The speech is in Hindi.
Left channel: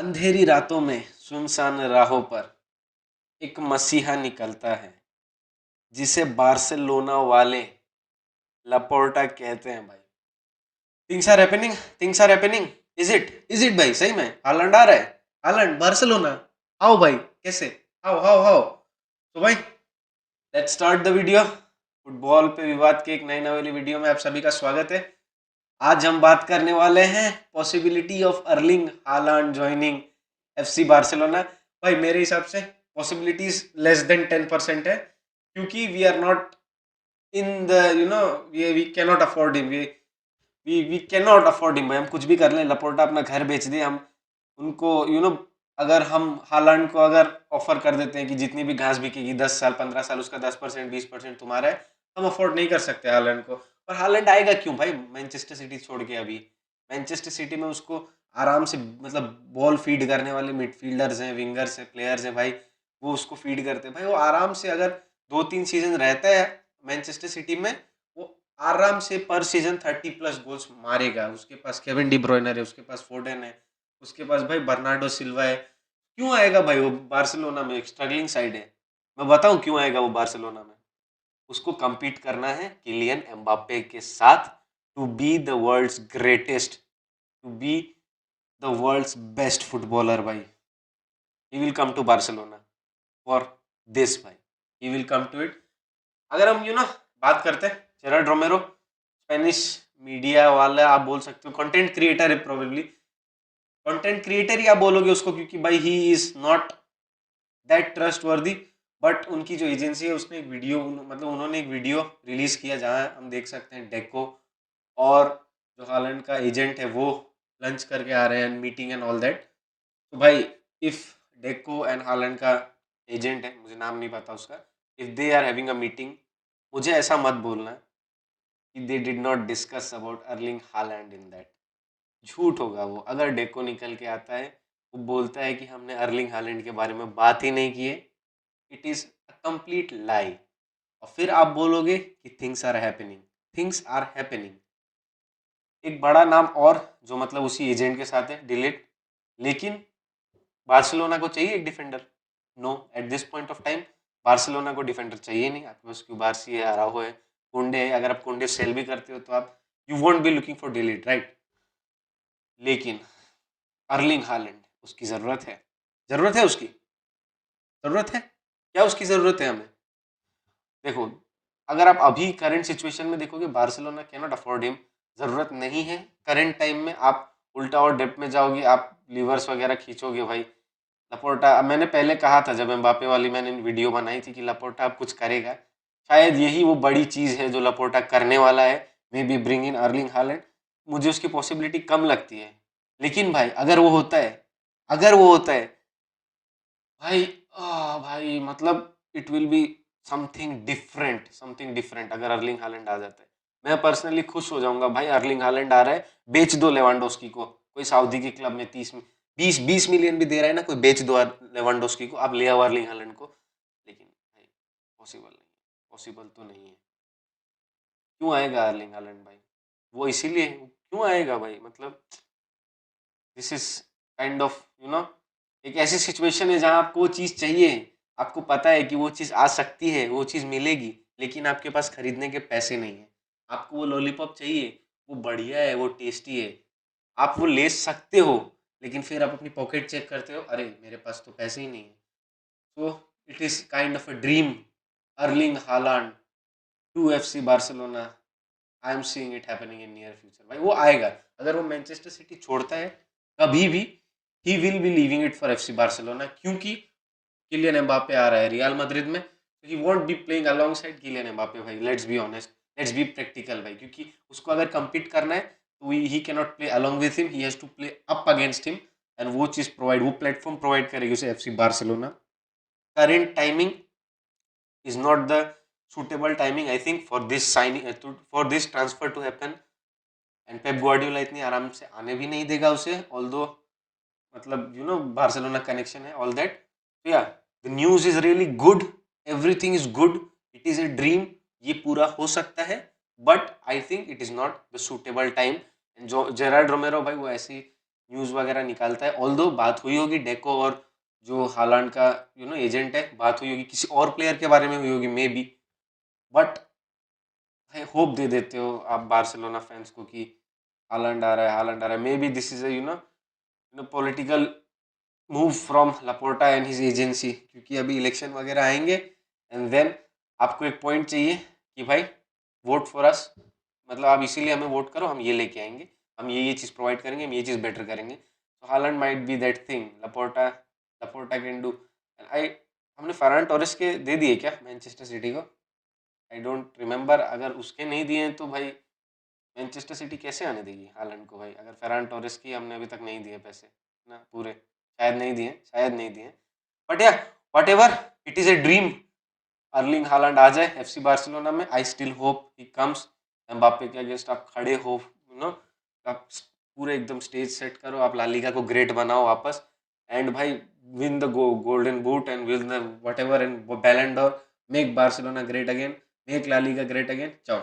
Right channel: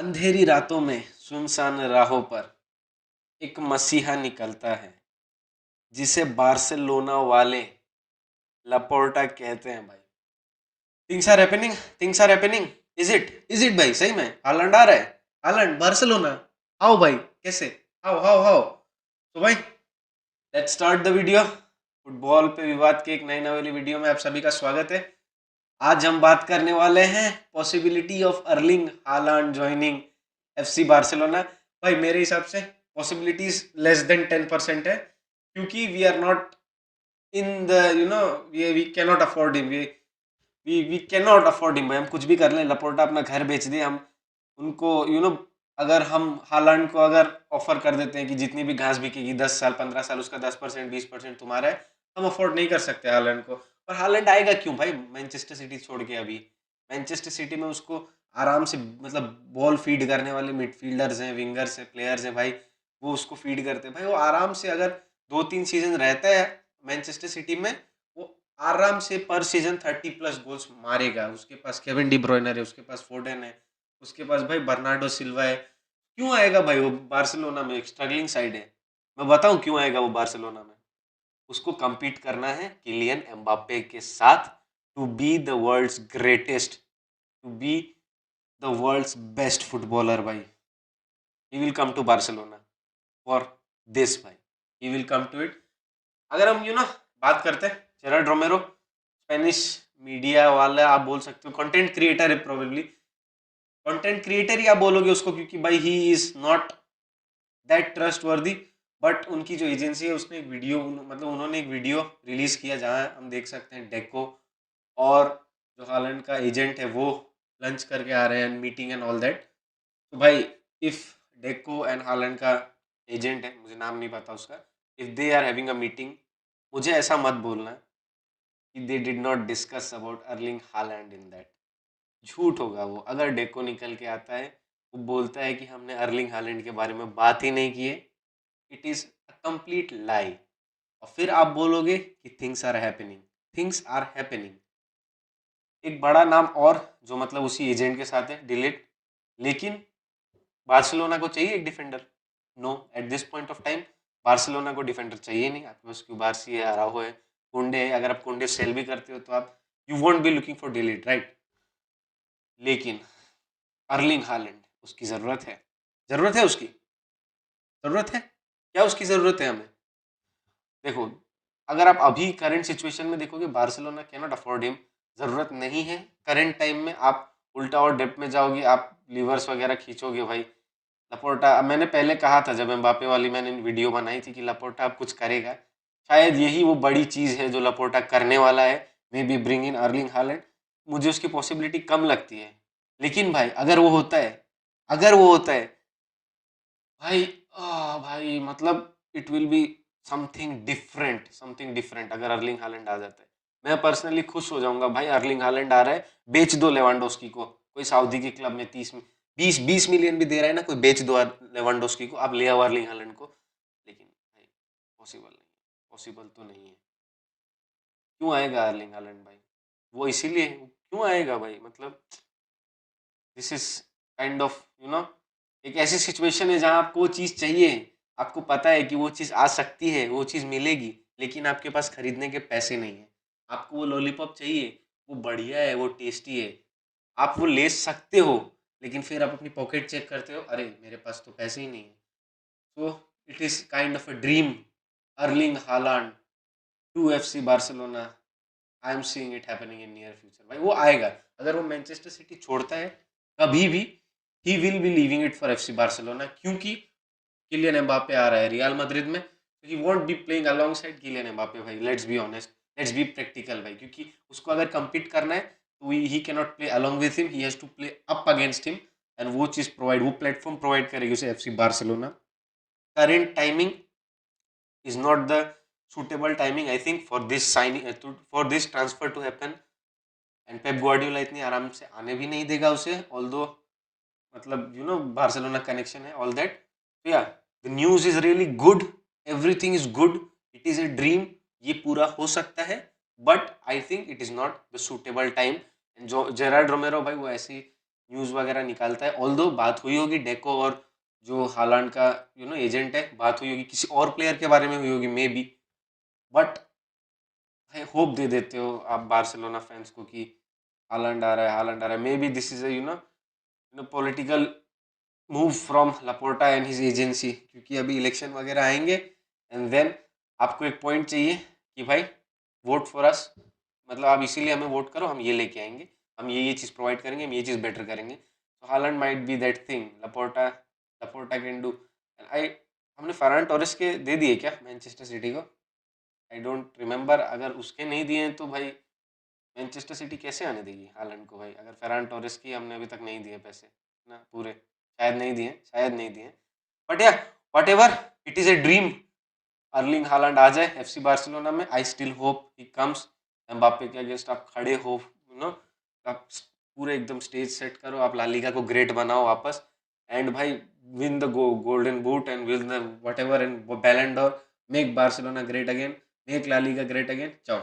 अंधेरी रातों में सुनसान राहों पर एक मसीहा निकलता है जिसे बार्सिलोना वाले लापोर्टा कहते हैं भाई। Things are happening, things are happening. Is it भाई, सही में हालैंड आ रहा है। हालैंड बार्सिलोना, आओ भाई, कैसे, आओ आओ आओ। तो भाई let's start the video. Football पे विवाद के एक नए नवेली वीडियो में आप सभी का स्वागत है। आज हम बात करने वाले हैं possibility of Erling Haaland joining FC Barcelona. भाई मेरे हिसाब से पॉसिबिलिटीज लेस देन 10% है, क्योंकि we are not in the we can not afford him. We can not afford him भाई। हम कुछ भी कर लें, लपोर्टा अपना घर बेच दे, हम उनको अगर हम हालैंड को अगर ऑफर कर देते हैं कि जितनी भी घास बिकेगी 10 साल 15 साल उसका 10% 20% तुम्हारा है, हम अफोर्ड नहीं कर सकते हालैंड को। और हालैंड आएगा क्यों भाई मैनचेस्टर सिटी छोड़ के? अभी मैनचेस्टर सिटी में उसको आराम से मतलब बॉल फीड करने वाले मिडफील्डर्स हैं, विंगर्स हैं, प्लेयर्स हैं भाई, वो उसको फीड करते हैं भाई। वो आराम से अगर 2-3 सीजन रहता है मैनचेस्टर सिटी में, वो आराम से पर सीजन 30+ गोल्स मारेगा। उसके पास केविन डी ब्रुयने है, उसके पास फोर्डन है, उसके पास भाई बर्नार्डो सिल्वा है। क्यों आएगा भाई वो बार्सिलोना में? एक स्ट्रगलिंग साइड है। मैं बताऊं क्यों आएगा वो बार्सिलोना में। उसको compete करना है किलियन एम्बाप्पे के साथ, to be the world's greatest, to be the world's best footballer भाई। He will come to Barcelona for this भाई, he will come to it. अगर हम बात करते हैं जेरार्ड रोमेरो, स्पेनिश मीडिया वाला आप बोल सकते हो, कंटेंट क्रिएटर है, प्रोबेबली कंटेंट क्रिएटर ही आप बोलोगे उसको, क्योंकि भाई he is not that trust वर्दी। बट उनकी जो एजेंसी है उसने एक वीडियो मतलब उन्होंने एक वीडियो रिलीज किया जहां हम देख सकते हैं डेको और जो हालैंड का एजेंट है वो लंच करके आ रहे हैं, मीटिंग एंड ऑल दैट। तो भाई इफ डेको एंड हालैंड का एजेंट है, मुझे नाम नहीं पता उसका, if they are having a meeting, मुझे ऐसा मत बोलना कि they did not discuss about Erling Haaland in that. झूठ होगा वो। अगर डेको निकल के आता है, वो बोलता है कि हमने अर्लिंग हालैंड के बारे में बात ही नहीं की है, it is a complete lie. और फिर आप बोलोगे कि things are happening, things are happening. एक बड़ा नाम और जो मतलब उसी एजेंट के साथ है, डिलीट। लेकिन बार्सिलोना को चाहिए एक defender? No, at this point of time Barcelona को डिफेंडर चाहिए नहीं। आपके पास क्यूबार्सी है, आराहो है, कुंडे है। अगर आप कुंडे सेल भी करते हो तो आप you want be looking for delete, right? लेकिन अर्लिंग हालैंड, उसकी जरूरत है। जरूरत है उसकी, जरूरत है। क्या उसकी जरूरत है हमें? देखो, अगर आप अभी करंट सिचुएशन में देखोगे, Barcelona can not afford him. जरूरत नहीं है करंट टाइम में। आप उल्टा और डेप्थ में जाओगे, आप लीवर्स वगैरह खींचोगे भाई। लपोर्टा, अब मैंने पहले कहा था जब एम्बापे वाली मैंने वीडियो बनाई थी कि लपोर्टा अब कुछ करेगा। शायद यही वो बड़ी चीज है जो लपोर्टा करने वाला है, may be bring in Erling Haaland. मुझे उसकी पॉसिबिलिटी कम लगती है, लेकिन भाई अगर वो होता है, अगर वो होता है भाई, भाई मतलब it will be something different, something different. अगर अर्लिंग हालैंड आ जाता है, मैं पर्सनली खुश हो जाऊंगा भाई। अर्लिंग हालैंड आ रहा है, बेच दो लेवांडोस्की को। कोई सऊदी के क्लब में 20 मिलियन भी दे रहा है ना, कोई बेच दो लेवांडोस्की को, आप ले आओ अर्लिंग हालैंड को। लेकिन भाई पॉसिबल नहीं, पॉसिबल तो नहीं है। क्यों आएगा अर्लिंग हालैंड भाई? वो इसीलिए क्यों आएगा भाई, मतलब दिस इज काइंड ऑफ एक ऐसी सिचुएशन है जहां आपको वो चीज चाहिए, आपको पता है कि वो चीज आ सकती है, वो चीज मिलेगी, लेकिन आपके पास खरीदने के पैसे नहीं है। आपको वो लॉलीपॉप चाहिए, वो बढ़िया है, वो टेस्टी है, आप वो ले सकते हो, लेकिन फिर आप अपनी पॉकेट चेक करते हो, अरे मेरे पास तो पैसे ही नहीं है। So it is kind of a dream, Erling Haaland to FC Barcelona. I am seeing it happening in near future भाई। वो आएगा, अगर वो मैनचेस्टर सिटी छोड़ता है कभी भी, he will be leaving it for FC Barcelona, क्योंकि किलियन एम्बापे आ रहा है रियल मैड्रिड में। He won't be playing alongside Kylian Mbappe भाई। Let's be honest, let's be practical भाई, क्योंकि उसको अगर compete करना है तो he can not play along with him, he has to play up against him. And वो चीज प्रोवाइड, वो प्लेटफॉर्म प्रोवाइड करेगी उसे FC Barcelona. Current timing is not the suitable timing, I think, for this signing, for this transfer to happen. And Pep Guardiola इतनी आराम से आने भी नहीं देगा उसे, ऑल्दो मतलब बार्सिलोना कनेक्शन है, ऑल दैट। तो या the news is really good, everything is good, it is a dream, ये पूरा हो सकता है, but I think it is not the suitable time. जो जेरार्ड रोमेरो भाई, वो ऐसी न्यूज़ वगैरह निकालता है। ऑल्दो बात हुई होगी डेको और जो हालांड का एजेंट है, बात हुई होगी किसी और प्लेयर के बारे में हुई होगी may be, but hope they देते हो आप बार्सिलोना फैंस को कि हालांड आ रहा है, हालांड आ रहा है। May be this is political move from Laporta and his agency, क्योंकि अभी इलेक्शन वगैरह आएंगे एंड देन आपको एक पॉइंट चाहिए कि भाई वोट फॉर अस, मतलब आप इसीलिए हमें वोट करो, हम ये लेके आएंगे, हम ये चीज़ प्रोवाइड करेंगे, हम ये चीज़ बेटर करेंगे। तो Haaland might be that thing Laporta Laporta can do. I हमने फरहान टोरेस के दे दिए क्या मैनचेस्टर सिटी को? I don't remember. अगर उसके नहीं दिए हैं तो भाई मैनचेस्टर सिटी कैसे आने देगी हालैंड को भाई? अगर फरहान टोरेस की हमने अभी तक नहीं दिए पैसे ना पूरे, शायद नहीं दिए, शायद नहीं दिए, बट या whatever, it is a dream Erling Haaland आ जाए एफसी बार्सिलोना में। I still hope he comes. Mbappe के अगेंस्ट आप खड़े हो, आप पूरे एकदम स्टेज सेट करो, आप ला लीगा को ग्रेट बनाओ वापस, एंड भाई win the golden boot and win the whatever and Ballon d'Or, make Barcelona great again, make La Liga great again. चाओ।